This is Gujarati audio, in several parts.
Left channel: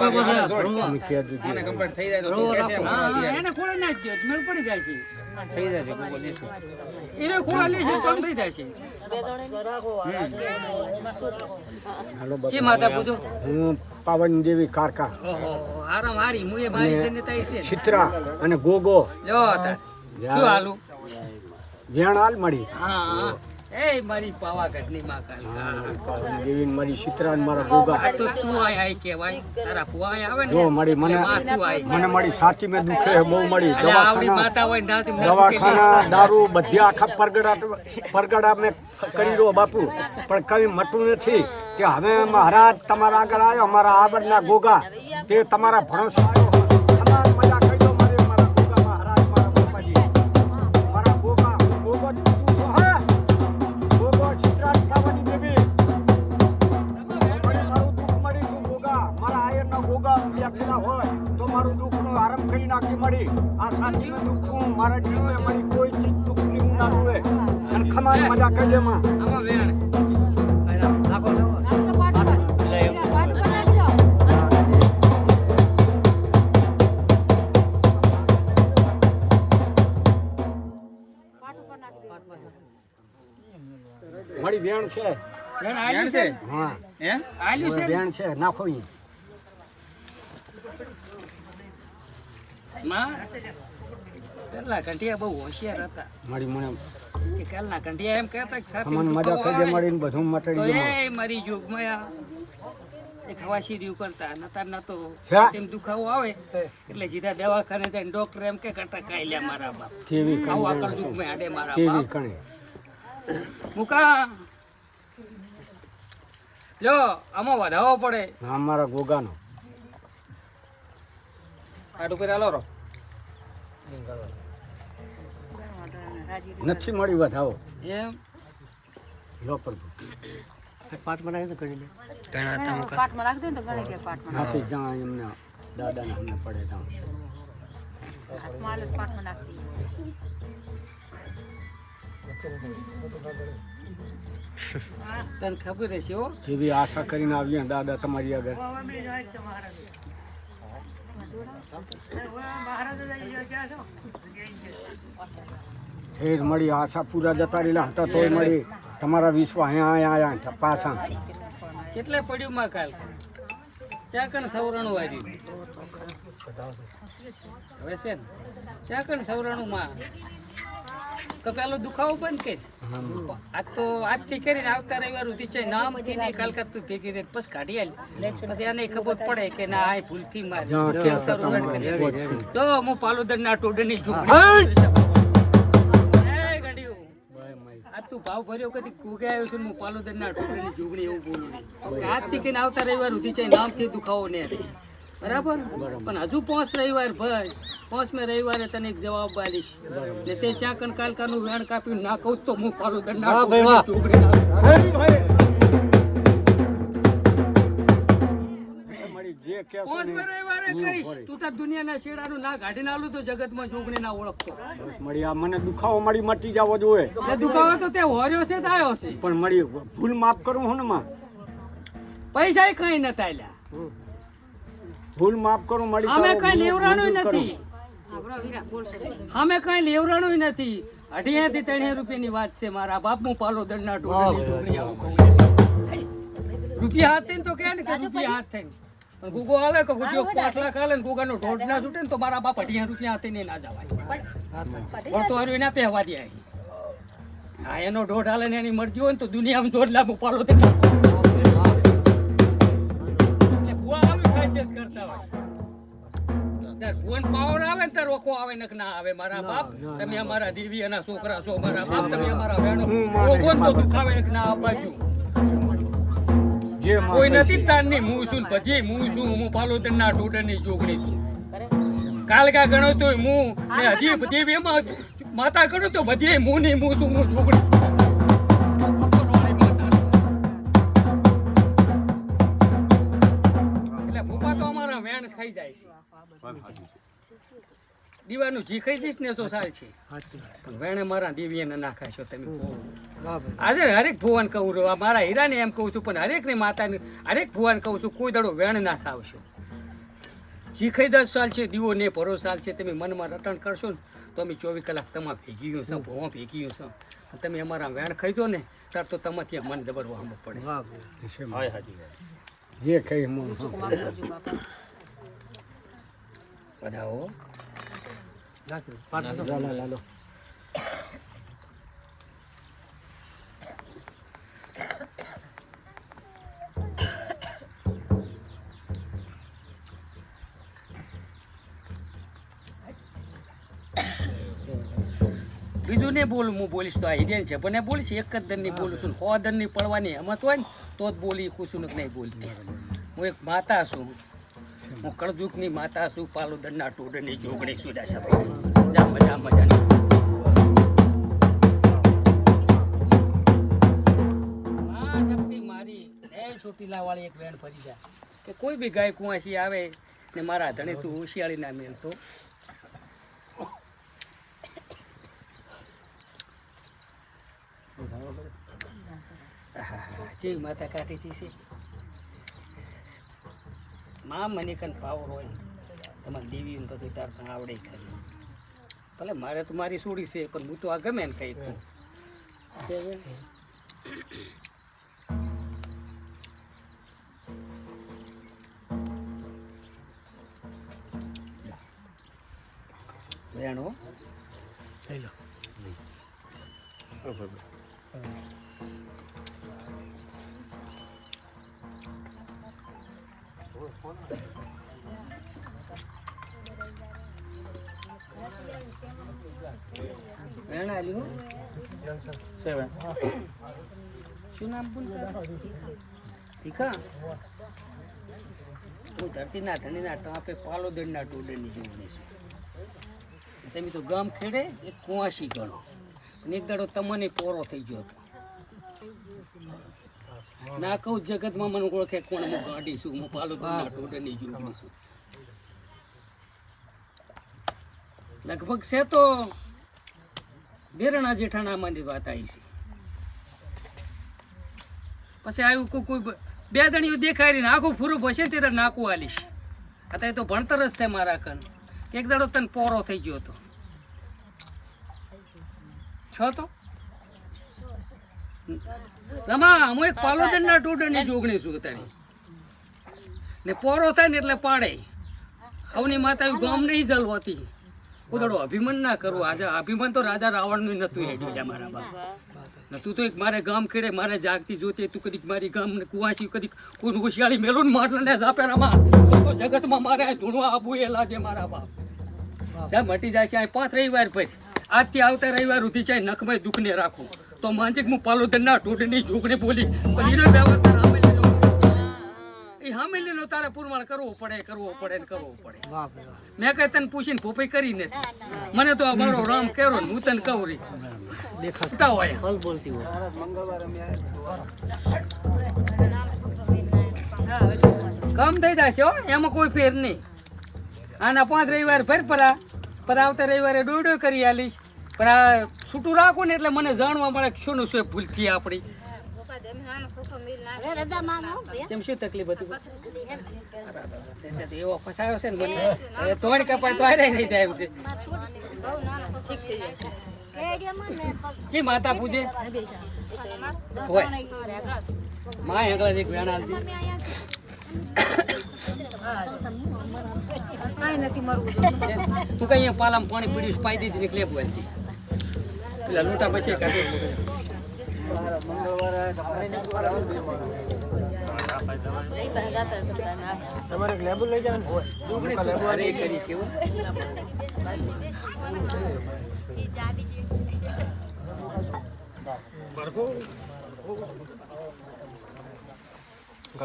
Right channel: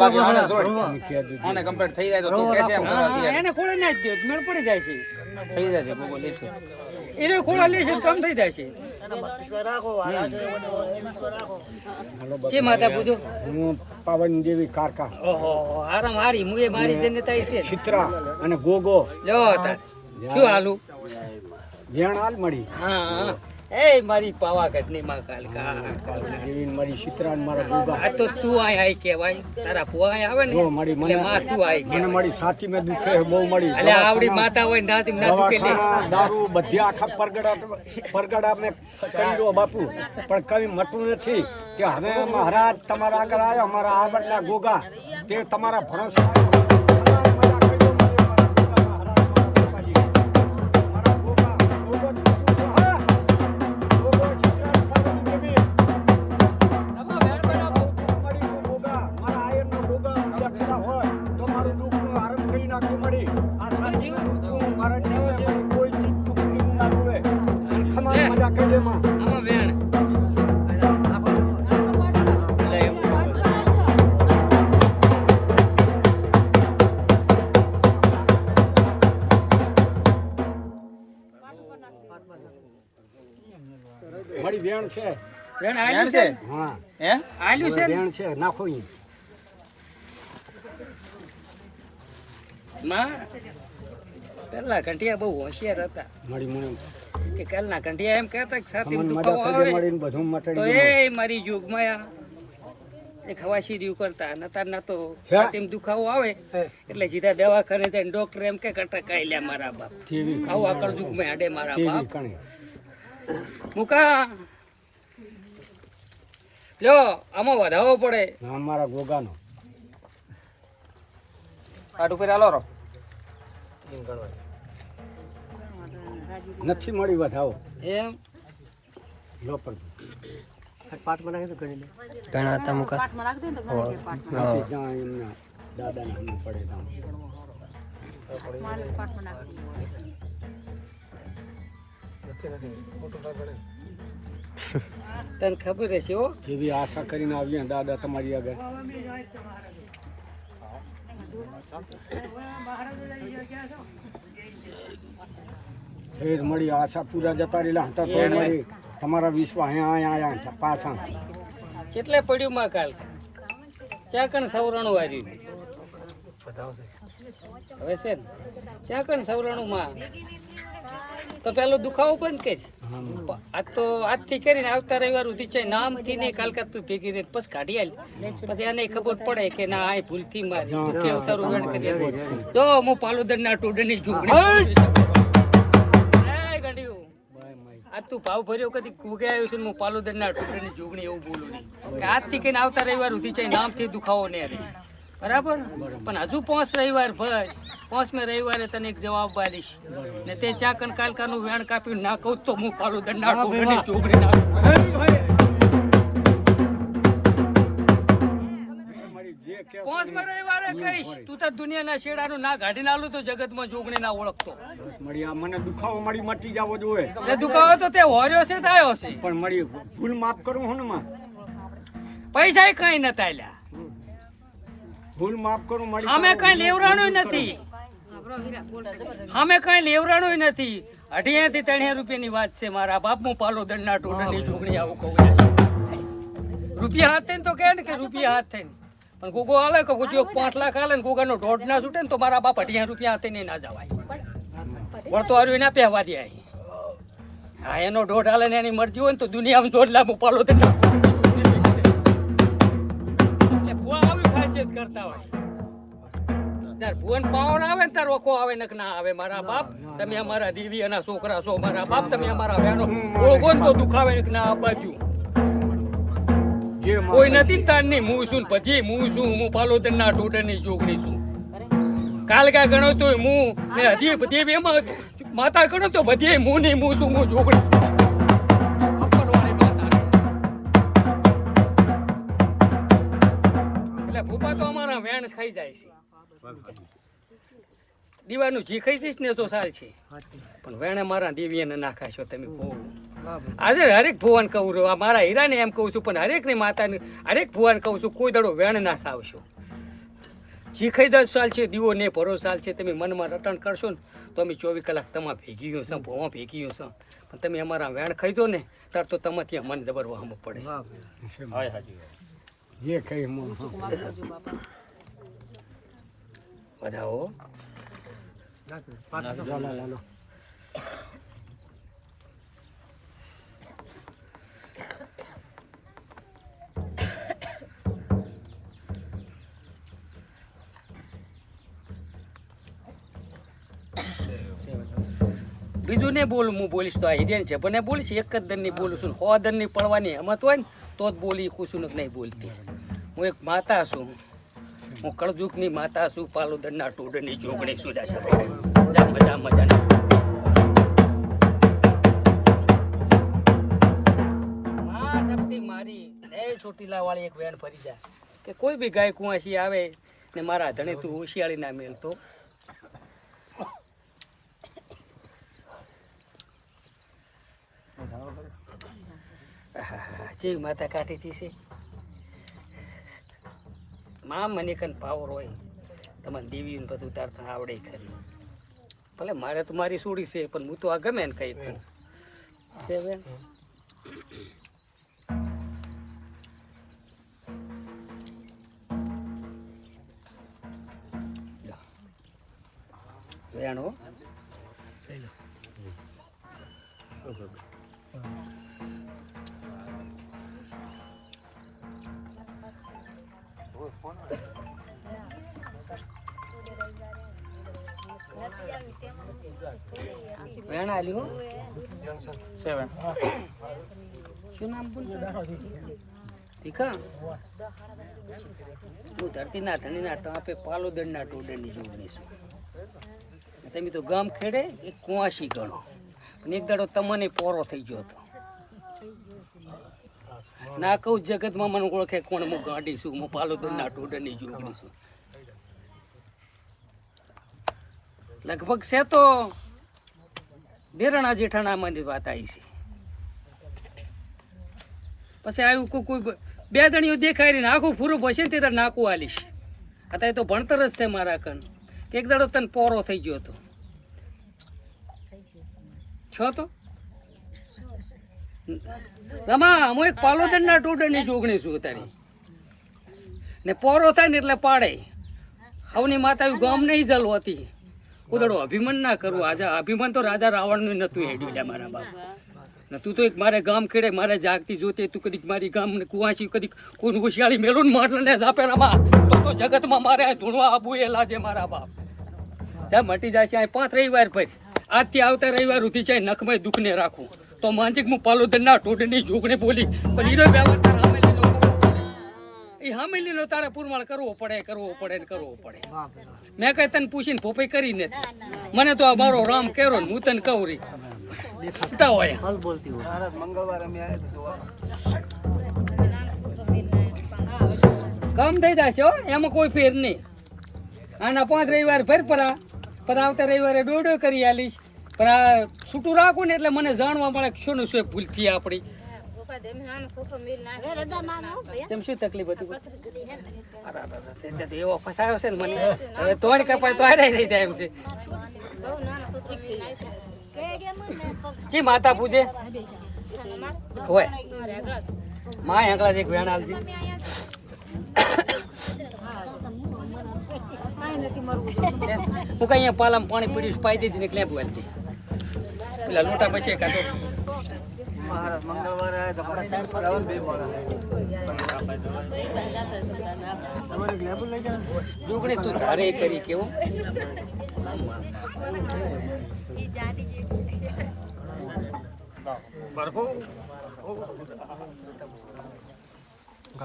આને કમ્પ્લીટ થઈ જાય તો તું કહેશે એમ હા, અત્યારે એને ખોળે ના જ મેળ પડી જાય છે. થઈ જશે ગોગો દેશે એને ખોળા લેશે કમ થઈ જાય છે. જે માતા પૂજો. હું પાવન દેવી કારકા. ઓહો હારામ હારી મુએ મારી જન્નતા છે. ચિત્રા અને ગોગો. જો તાર. શું હાલું? હાલ મળી. હા. એ મારી પાવાગઢની માં કાલકા પાવન મારી ચિત્રા મારા ગોગા આ તો તું આય આય કહેવાય. તારા ફુવા આવે ને જો મળી મને માં તું આય મને મારી સાથી મેં દુખે બહુ મળી એટલે આવડી માતા હોય ના લે દારૂ બધી આખા પરગડા પરગડા મેં કરી દો બાપુ. પણ કઈ મટું નથી કે હવે મહારાજ તમારા આગળ આવ્યો અમારા આગળના ગોગા. તે તમારા ભરોસા આવ્યો. આમાં વેણ. મળી વેણ છે. વેણ વેણ આલ્યું છે? હા. હે? આલ્યું છે? વેણ છે નાખો ઈ. માં પેલા કંઠિયા બહુ હોશિયાર હતા. મળી મને કે કાલના કંઠિયા એમ કહેતા કે સાથે દુખાવો આવે. બધું તો મટડી. એ મારી. જોગમાયા એ ખવાશી રહ્યું કરતા નતા ના તો હે? દુખાવો આવે એટલે સીધા દવાખાને જઈને ડોક્ટર એમ કે કરતા કાઈ લે મારા બાપ. આવું આકળ દુઃખ આડે મારા બાપ. કણે મુકા. લો આમાં વધાવો પડે. અમારા મારા ગોગાનો. કાટ ઉપર આલો રો નથી મળી વધાવો એમ? લો પર પાટ બનાવી તો કરી લે નથી જ્યાં એમના દાદાને સામે પડે ત્યાં. તને ખબર હશે હો? જેવી આશા કરીને આવીએ દાદા તમારી આગળ. ઠેર મળી આશા પૂરા જતા રહેલા હતા તો મળી તમારા વિશ્વ અહીંયા અહીંયા આયા પાછા. કેટલે પડ્યું માં કાલ? ચાકણ સવરણું આવ્યું હવે છે ને ચાકણ સવરણું માં તો પેલો દુખાવો બંધ કરી. આ તો આજથી કરીને આવતા રવિવાર સુધી છે નામથી ને કાલકા તું ભેગી રહે પછી કાઢી આલી. પછી એને ખબર પડે કે ના આ ભૂલથી મારી તો હું પાલુદર ના ટોડની ઝૂંપડી એ આ તું ભાવ ભર્યો કદી કુગે આવ્યો છે હું પાલોદર ના ટુકડીની જોગણી એવું બોલું નહીં. આજથી કે આવતા રવિવાર સુધી છે નામથી દુખાવો નહીં બરાબર? પણ હજુ પાંચ રવિવાર ભાઈ. પાંચમે રવિવારે તને એક જવાબ આલીશ ને તે ચાકન કાલકાનું વેણ કાપી ના કહું તો હું પાલોદર ના ટુકડીની જોગણી જે રવિવારે કહીશ. તું તો દુનિયાના શેડાનું ના કાઢી નાલું તો જગતમાં જોગણી ના ઓળખતો. બસ મળી આ મને દુખાવો મળી મટી જાવો જોઈએ. એ દુખાવો તો તે હોર્યો છે તો છે. પણ મળી ભૂલ માફ કરું હું ને માં? પૈસા કઈ નતા આલ્યા. ભૂલ માફ કરું મળી અમે કઈ લેવરાણું નથી. અમે કઈ લેવરાણું નથી. અઢિયા થી ત્રણિયા રૂપિયાની વાત છે મારા બાપનું પાલો દંડના ટોળાની જોગણી આવું કહું રૂપિયા હાથ થઈને તો કહે ને કે રૂપિયા હાથ થઈને પણ ગોગો હાલે કે જો પાંચ લાખ હાલે ને ગોગાનો ઢોઢ ના છૂટે ને તો મારા બાપ અઢિયા રૂપિયા હતી ને ના જવાય. પણ તો હર્યું ના પહેવા દે હા, એનો ઢોઢ હાલે ને એની મરજી હોય ને તો દુનિયામાં દોઢ લાખ ઉપાડો તો એટલે ભુવા આવી ખાસિયત કરતા હોય. ત્યારે ભુવન પાવર આવે ને ત્યારે ઓખો આવે ને ના આવે મારા બાપ? તમે અમારા દેવી અને છોકરા છો, મારા બાપ, તમે અમારા વેણો ઓળખો ને તો દુખાવે ના, આ બાજુ. કોઈ નથી તાર નહીં હું છું ને પછી હું છું હું પાલોદર ના ટોડરની જોગણી છું કાલકા ગણો તો હું ને હજી બધી એમાં માતા ગણો તો બધી હું નહીં હું છું હું ચોકડી એટલે ભૂપા તો અમારા વેણ ખાઈ જાય છે. દીવાનું જી ખાઈ દઈશ ને તો સાલ છે. પણ વેણે મારા દેવીને નાખાશો તમે બહુ આજે હરેક ભુવન કહું છું. મારા હીરાને એમ કહું છું પણ હરેકની માતાને હરેક ભુવન કહું છું કોઈ દડો વેણ ના થાવશો શીખાઈ દસ સાલ છે દીવો ને ભરો સાલ છે તમે મનમાં રટણ કરશો ને તો અમે ચોવીસ કલાક તમા ભેગી ગયો છો ભોવા ભેગી ગયો છો પણ તમે અમારા વેણ ખાઈ દો ને ત્યારે તો તમાથી ત્યાં મન દબરવા અમુક પડે. જે ખાઈ વધાવો લાલો લાલો બીજું ને બોલું હું બોલીશ તો આ હિરિયન છે. પણ એ બોલીશ એક જ દરની બોલું છું. સો દરની પડવાની હમત હોય ને તો જ બોલી ખુશું નથી નહીં બોલતી. હું એક માતા છું. હું કળજુગની માતા છું પાલોદરના ટોડની જોગણી છું દાસા જા, મજા, મજાના. માં શક્તિ મારી. એ ચોટીલા વાળી એક વેણ ફરી જાય કે કોઈ બી ગાય કુંવાસી આવે ને મારા ધણે તું હોશિયાળી ના મેળતો જીવ માતા કાઢીથી છે? માં મને કન પાવર હોય. તમારે દેવીને બધું તાર પણ આવડે ખરી. ભલે મારે તો મારી સોડી છે, પણ હું તો આ ગમે ને કઈ તું. વેણો? વેણો વેણ આલ્યું સેવન. શું નામ બોલતા? ઠીકા હું ધરતીના ધણીના ટાંપે પાલોદરના ટોડરની જોડણી છું. તમે તો ગામ ખેડે એક કુંવાસી ગણો. પણ એક દાડો તમને પોરો થઈ ગયો હતો. ના કહું જગતમાં મને ઓળખે કોણ હું ગાડી છું હું પાલોદરના ટોડરની જોગણી છું. લગભગ છે તો બેરણા જેઠાણામાંની વાત આવી છે. પછી આવ્યું કોઈ કોઈ બે દણીઓ દેખાય ને આખું ફૂરું તે ત્યારે નાકું આલીશ. અત્યારે તો ભણતર જ છે મારા કન. એક દાડો તને પોરો થઈ ગયો હતો. છો તો? રમા હું એક પાલોદરના ટોડરની જોગણી છું તારી ને પોરો થાય ને એટલે પાડે. હવની માતા ગામ નહીં જલવાતી ઉદડો અભિમાન ના કરવું. આજે અભિમાન તો રાજા રાવણનું નતું હેડ્યું મારા બાપ. ને તું તો એક મારે ગામ ખેડે, મારે જાગતી જોતી, તું કદીક મારી ગામ ને કુવાસી કદીક કોઈ હોશિયાળી મેલું ને માટલા ને જાપે રમા તો તો જગતમાં મારે આ ધૂણવા આબુ એ લાજે મારા બાપ. ત્યાં મટી જાય છે પાંચ રવિવાર પછી. આજથી આવતા રવિવાર સુધી છે નખમય દુઃખને રાખું. તો માનસિક હું પાલોદરના ટોટની છોકરી બોલી પણ એનો વ્યવહાર તારા હામેલીનો કરવો પડે. એ હામેલીનો તારે પુરમાળ કરવો પડે કરવો પડે ને કરવો પડે. મેં કઈ તને પૂછીને ભોપાઈ કરી નથી. મને તો આ મારો રામ કેરો ને હું તને કહું રી. દેખાતા. હોય. કામ થઈ જશે હો એમાં કોઈ ફેર નહીં. આના પાંચ રવિવાર ફેર પરા પર આવતા રવિવારે ડોડો કરી આલીશ. પણ આ છૂટું રાખું ને એટલે મને જાણવા મળે શું શું ભૂલ થઈ આપણી. તેમ શું તકલીફ હતી? એવો ફસાયો છે ને મને. હવે તોડ કપાય તો હારે નહીં થાય છે. જી માતા પૂજે. હોય. માં આગળ એક વેણ આલજી તું કઈ પાલમ પાણી પીડ્યું પાઈ દીધી નીકળે બોલતી પેલા લોટા પછી કાઢો તમારે એક લેબુ લઈ જવાનું? ઘરે કરી કેવું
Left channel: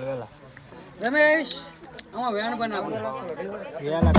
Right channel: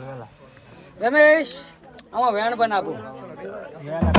વેલા. રમેશ આમાં વેણ બનાવું. વેલા.